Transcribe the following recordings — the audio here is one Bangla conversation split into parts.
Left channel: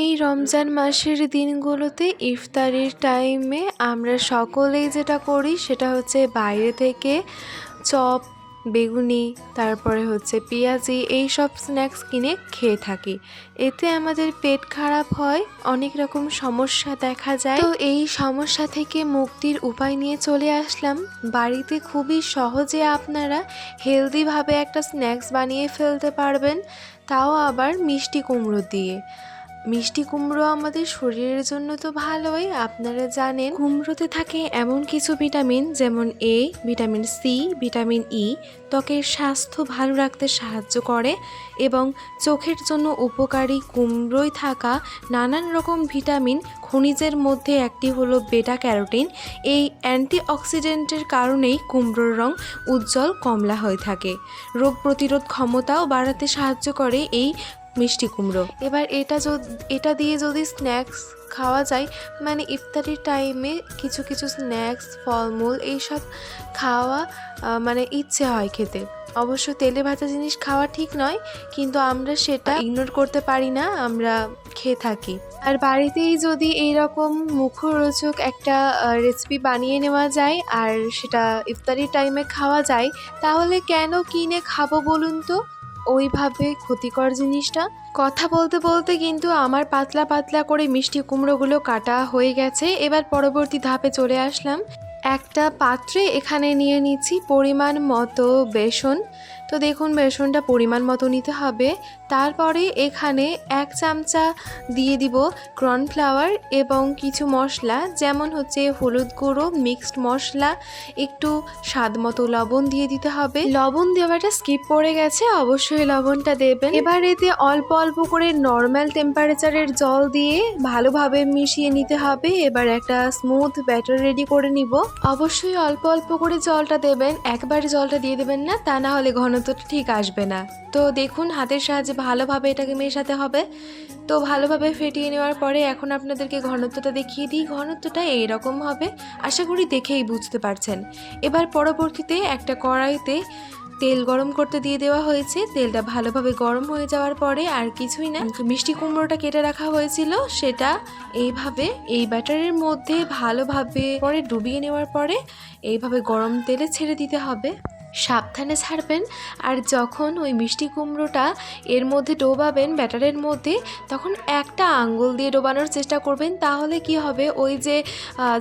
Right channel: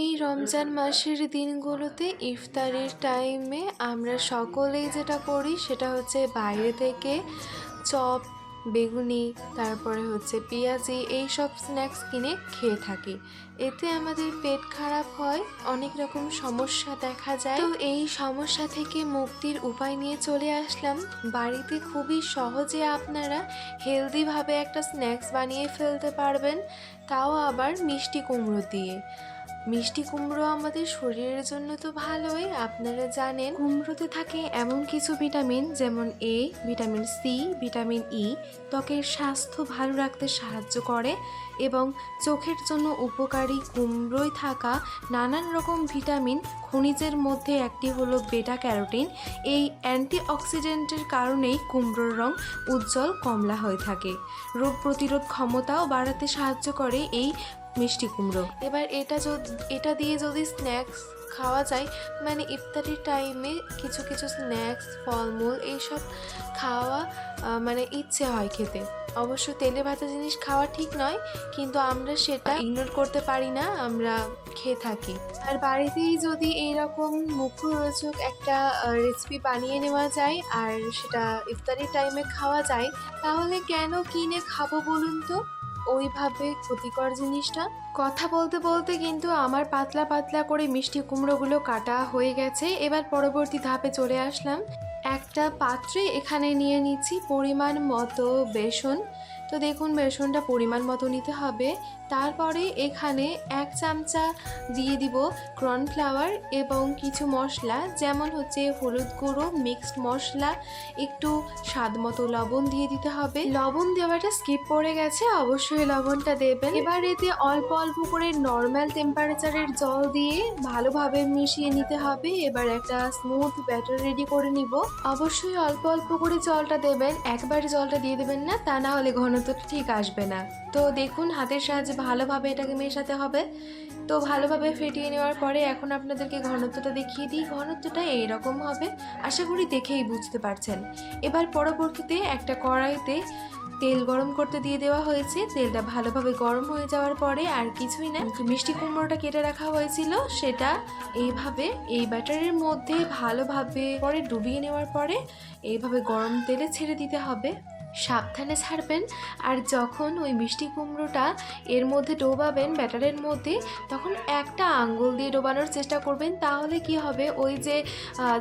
এই রমজান মাসের দিনগুলোতে ইফতারির টাইমে আমরা সকলেই যেটা করি সেটা হচ্ছে বাইরে থেকে চপ, বেগুনি, তারপরে হচ্ছে পেঁয়াজি এইসব স্ন্যাক্স কিনে খেয়ে থাকি। এতে আমাদের পেট খারাপ হয়, অনেক রকম সমস্যা দেখা যায়। তো এই সমস্যা থেকে মুক্তির উপায় নিয়ে চলে আসলাম। বাড়িতে খুবই সহজে আপনারা হেলদিভাবে একটা স্ন্যাক্স বানিয়ে ফেলতে পারবেন, তাও আবার মিষ্টি কুমড়ো দিয়ে। মিষ্টি কুমড়ো আমাদের শরীরের জন্য তো ভালোই, আপনারা জানেন। কুমড়োতে থাকে এমন কিছু ভিটামিন যেমন এ, ভিটামিন সি, ভিটামিন ই ত্বকের স্বাস্থ্য ভালো রাখতে সাহায্য করে এবং চোখের জন্য উপকারী কুমড়োয় থাকা নানান রকম ভিটামিন খনিজের মধ্যে একটি হলো বেটা ক্যারোটিন। এই অ্যান্টিঅক্সিডেন্টের কারণেই কুমড়োর রং উজ্জ্বল কমলা হয়ে থাকে। রোগ প্রতিরোধ ক্ষমতাও বাড়াতে সাহায্য করে এই মিষ্টি কুমড়ো। এবার এটা দিয়ে যদি স্ন্যাক্স খাওয়া যায়, মানে ইফতারির টাইমে কিছু কিছু স্ন্যাক্স, ফলমূল এইসব খাওয়া মানে ইচ্ছে হয় খেতে। অবশ্য তেলে ভাজা জিনিস খাওয়া ঠিক নয়, কিন্তু আমরা সেটা ইগনোর করতে পারি না, আমরা খেয়ে থাকি। আর বাড়িতেই যদি এইরকম মুখরোচক একটা রেসিপি বানিয়ে নেওয়া যায় আর সেটা ইফতারির টাইমে খাওয়া যায়, তাহলে কেন কিনে খাবো বলুন তো ওইভাবে ক্ষতিকর জিনিসটা। কথা বলতে বলতে কিন্তু আমার পাতলা পাতলা করে মিষ্টি কুমড়োগুলো কাটা হয়ে গেছে। এবার পরবর্তী ধাপে চলে আসলাম। একটা পাত্রে এখানে নিয়ে নিচ্ছি পরিমাণ মতো বেসন। তো দেখুন বেসনটা পরিমাণ মতো নিতে হবে। তারপরে এখানে 1 চামচা দিয়ে দিব কর্নফ্লাওয়ার এবং কিছু মশলা, যেমন হচ্ছে হলুদ গুঁড়ো, মিক্সড মশলা, একটু স্বাদ মতো লবণ দিয়ে দিতে হবে। লবণ দেওয়াটা স্কিপ করে গেছে, অবশ্যই লবণটা দেবেন। এবার এতে অল্প অল্প করে নর্মাল টেম্পারেচারের জল দিয়ে ভালোভাবে মিশিয়ে নিতে হবে। এবার একটা স্মুথ ব্যাটার রেডি করে নিব। অবশ্যই অল্প অল্প করে জলটা দেবেন, একবারে জলটা দিয়ে দেবেন না, তা না হলে ঘনত্বটা ঠিক আসবে না। তো দেখুন হাতের সাহায্যে ভালোভাবে এটাকে মেশাতে হবে। তো ভালোভাবে ফেটিয়ে নেওয়ার পরে এখন আপনাদেরকে ঘনত্বটা দেখিয়ে দিই। ঘনত্বটা এইরকম হবে, আশা করি দেখেই বুঝতে পারছেন। এবার পরবর্তীতে একটা কড়াইতে তেল গরম করতে দিয়ে দেওয়া হয়েছে। তেলটা ভালোভাবে গরম হয়ে যাওয়ার পরে আর কিছুই না, মিষ্টি কুমড়োটা কেটে রাখা হয়েছিল সেটা এইভাবে এই ব্যাটারের মধ্যে ভালোভাবে পরে ডুবিয়ে নেওয়ার পরে এইভাবে গরম তেলে ছেড়ে দিতে হবে। সাবধানে ছাড়বেন। আর যখন ওই মিষ্টি কুমড়োটা এর মধ্যে ডোবাবেন ব্যাটারের মধ্যে, তখন একটা আঙ্গুল দিয়ে ডোবানোর চেষ্টা করবেন। তাহলে কি হবে, ওই যে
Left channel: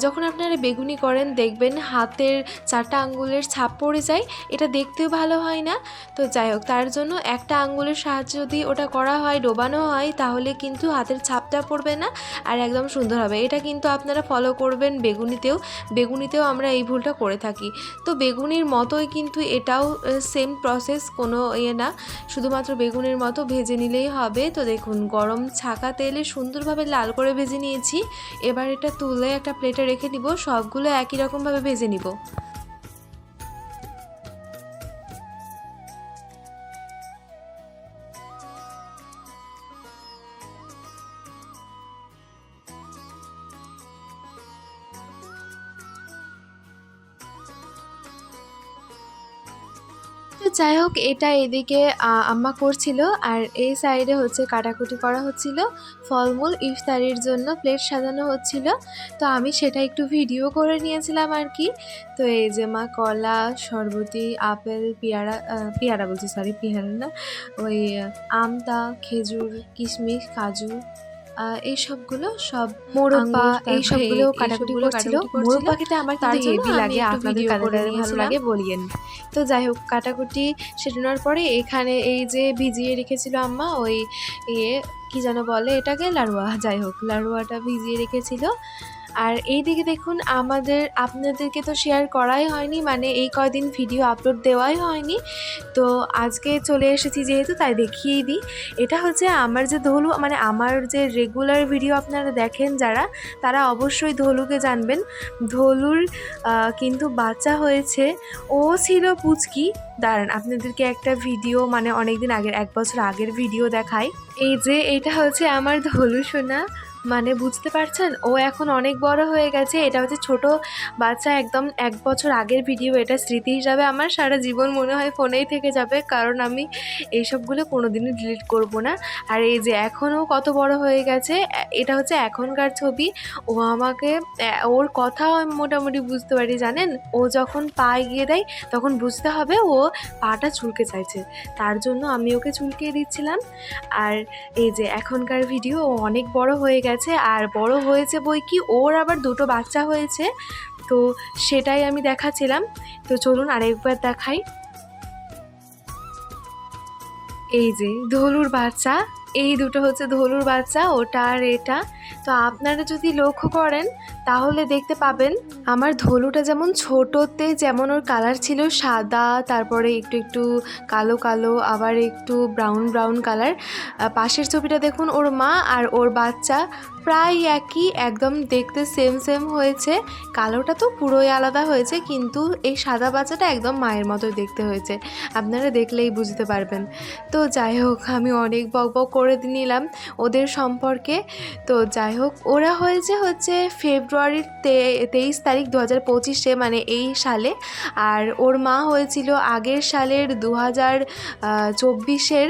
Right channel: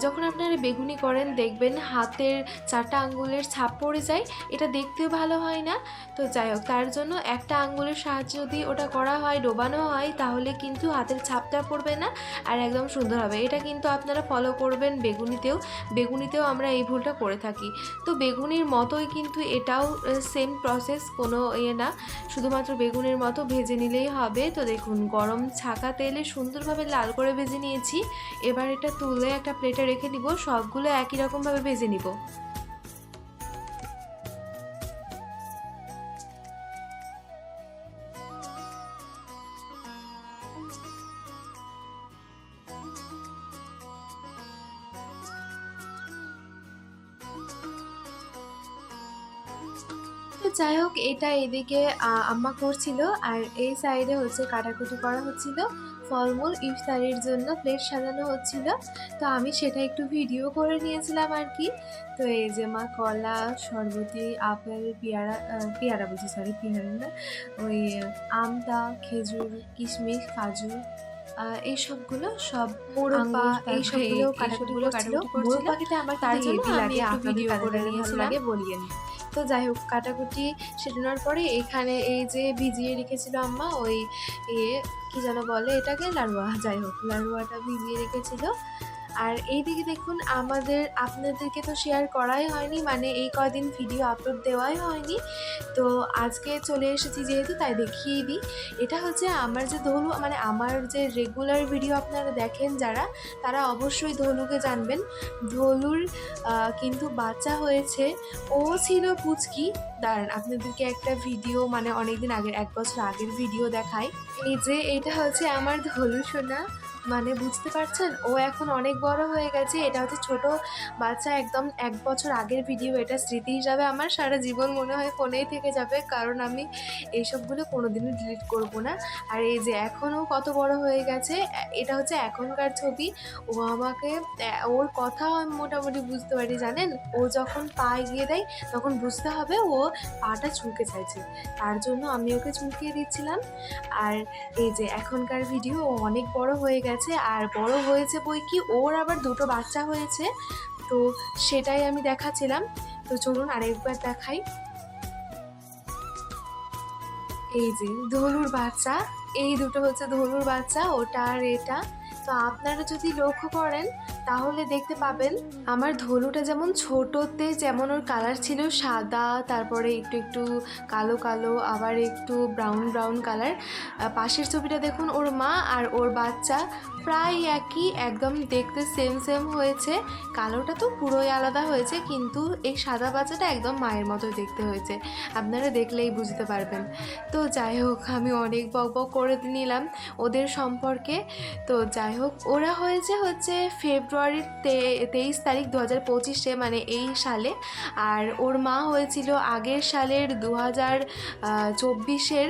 যখন আপনারা বেগুনি করেন দেখবেন হাতের 4টা আঙ্গুলের ছাপ পড়ে যায়, এটা দেখতেও ভালো হয় না। তো যাই হোক, তার জন্য একটা আঙ্গুলের সাহায্যে যদি ওটা করা হয়, ডোবানো হয়, তাহলে কিন্তু হাতের ছাপটা পড়বে না আর একদম সুন্দর হবে। এটা কিন্তু আপনারা ফলো করবেন বেগুনিতেও আমরা এই ভুলটা করে থাকি। তো বেগুনির মতোই কিন্তু এটাও সেম প্রসেস, কোনো না, শুধুমাত্র বেগুনের মতো ভেজে নিলেই হবে। তো দেখুন গরম ছাকা তেলে সুন্দরভাবে লাল করে ভেজে নিয়েছি। এবার এটা তুলে একটা প্লেটে রেখে দিব, সবগুলো একই রকমভাবে ভেজে নিব। তো যাই হোক, এটা এদিকে আম্মা করছিল আর এই সাইডে হচ্ছে কাটাকুটি করা হচ্ছিল, ফলমূল ইফতারির জন্য প্লেট সাজানো হচ্ছিল। তো আমি সেটা একটু ভিডিও করে নিয়েছিলাম আর কি। তো এই যে মা কলা, শরবতি, আপেল, পেয়ারা বলছি, সরি পেয়ারা না, ওই আমতা, খেজুর, কিশমিশ, কাজু, এইসবগুলো সব, মোরব্বা, এইসবগুলো কাটাকুটি করছিল। মোরব্বা খেতে আমার কিন্তু হেভি লাগে, আপনাদের কাদের ভালো লাগে বলিয়েন। তো যাই হোক, কাটাকুটি সেটানোর পরে এখানে এই যে ভিজিয়ে রেখেছিল আম্মা ওই কি যেন বলে এটাকে, লাড়ুয়া, যাই হোক লাড়ুয়াটা ভিজিয়ে রেখেছিল। আর এই দিকে দেখুন আপনাদেরকে তো শেয়ার করাই হয়নি, মানে এই কয়দিন ভিডিও আপলোড দেওয়াই হয়নি। তো আজকে চলে এসেছি যেহেতু, তাই দেখিয়েই দিই। এটা হচ্ছে আমার যে ধলু, মানে আমার যে রেগুলার ভিডিও আপনারা দেখেন যারা, তারা অবশ্যই ধলুকে জানবেন। ধলুর কিন্তু বাচ্চা হয়েছে, ও ছিল পুচকি। দাঁড়ান আপনাদেরকে একটা ভিডিও, মানে অনেকদিন আগের, 1 বছর আগের ভিডিও দেখাই। এই যে এটা হচ্ছে আমার ধলু সোনা, মানে বুঝতে পারছেন? ও এখন অনেক বড় হয়ে গেছে। এটা হচ্ছে ছোট বাচ্চা, একদম ১ বছর আগের ভিডিও। এটা স্মৃতি হিসাবে আমার সারা জীবন মনে হয় ফোনেই থেকে যাবে। কারণ আমি এইসবগুলো কোনোদিনই ডিলিট করব না। আর এই যে এখন ও কত বড় হয়ে গেছে, এটা হচ্ছে এখনকার ছবি। ও আমাকে ওর কথাও আমি মোটামুটি বুঝতে পারি জানেন? ও যখন পা এগিয়ে দেয় তখন বুঝতে হবে ও পাটা চুলকে চাইছে। তার জন্য আমি ওকে চুলকিয়ে দিচ্ছিলাম। আর এই যে এখনকার ভিডিও, ও অনেক বড় হয়ে গেছে, আর বড় হয়েছে বই কি ওর আবার ২ টো বাচ্চা হয়েছে। তো সেটাই আমি দেখাচ্ছিলাম। তো চলুন আরেকবার দেখাই। এই যে ধলুর বাচ্চা, এই দুটো হচ্ছে ধলুর বাচ্চা, ওটা আর এটা। তো আপনারা যদি লক্ষ্য করেন তাহলে দেখতে পাবেন আমার ধলুটা যেমন ছোটোতে যেমন ওর কালার ছিল সাদা, তারপরে একটু একটু কালো কালো, আবার একটু ব্রাউন ব্রাউন কালার। পাশের ছবিটা দেখুন, ওর মা আর ওর বাচ্চা প্রায় একই, একদম দেখতে সেম সেম হয়েছে। কালোটা তো পুরোই আলাদা হয়েছে, কিন্তু এই সাদা বাচ্চাটা একদম মায়ের মতো দেখতে হয়েছে। আপনারা দেখলেই বুঝতে পারবেন। তো যাই হোক, আমি অনেক বকবক করে নিলাম ওদের সম্পর্কে। তো যাই হোক, ওরা হচ্ছে ফেব্রুয়ারির 23 তারিখ 2025-এ, মানে এই সালে। আর ওর মা হয়েছিল আগের সালের 2024-এর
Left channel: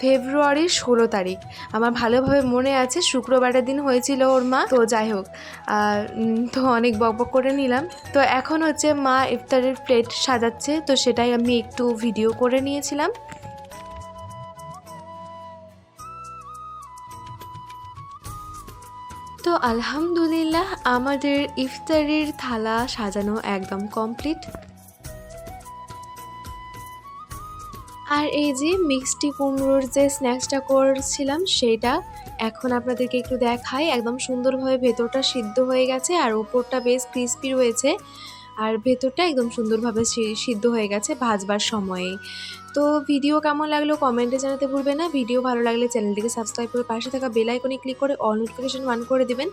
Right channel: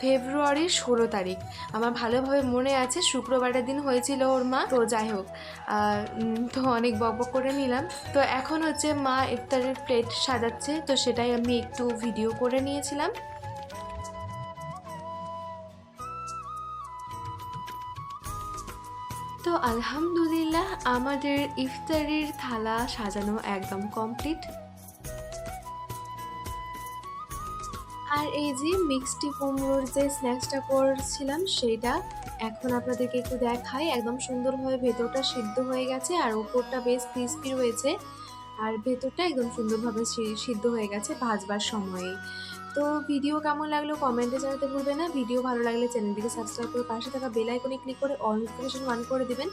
ফেব্রুয়ারির 16 তারিখ। আমার ভালোভাবে মনে আছে, শুক্রবারের দিন হয়েছিল ওর মা। তো যাই হোক, তো অনেক বকবক করে নিলাম। তো এখন হচ্ছে মা ইফতারের প্লেট সাজাচ্ছে, তো সেটাই আমি একটু ভিডিও করে নিয়েছিলাম। তো আলহামদুলিল্লাহ, আমাদের ইফতারির থালা সাজানো একদম কমপ্লিট। আর এই যে মিষ্টি কুমড়োর যে স্ন্যাক্সটা করছিলাম সেইটা এখন আপনাদেরকে একটু দেখাই। একদম সুন্দরভাবে ভেতরটা সিদ্ধ হয়ে গেছে, আর উপরটা বেশ ক্রিস্পি রয়েছে, আর ভেতরটা একদম সুন্দরভাবে সিদ্ধ হয়ে গেছে ভাজবার সময়েই। তো ভিডিও কেমন লাগলো কমেন্টে জানাতে ভুলবেন না। ভিডিও ভালো লাগলে চ্যানেলটিকে সাবস্ক্রাইব করে পাশে থাকা বেল আইকনে ক্লিক করে অল নোটিফিকেশন অন করে দিবেন।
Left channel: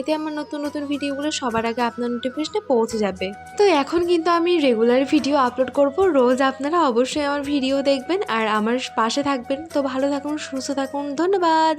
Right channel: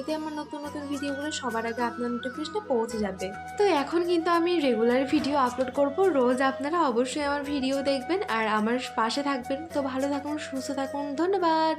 এতে আমার নতুন নতুন ভিডিওগুলো সবার আগে আপনার নোটিফিকেশনে পৌঁছে যাবে। তো এখন কিন্তু আমি রেগুলার ভিডিও আপলোড করব রোজ। আপনারা অবশ্যই আমার ভিডিও দেখবেন আর আমার পাশে থাকবেন। তো ভালো থাকুন, সুস্থ থাকুন, ধন্যবাদ।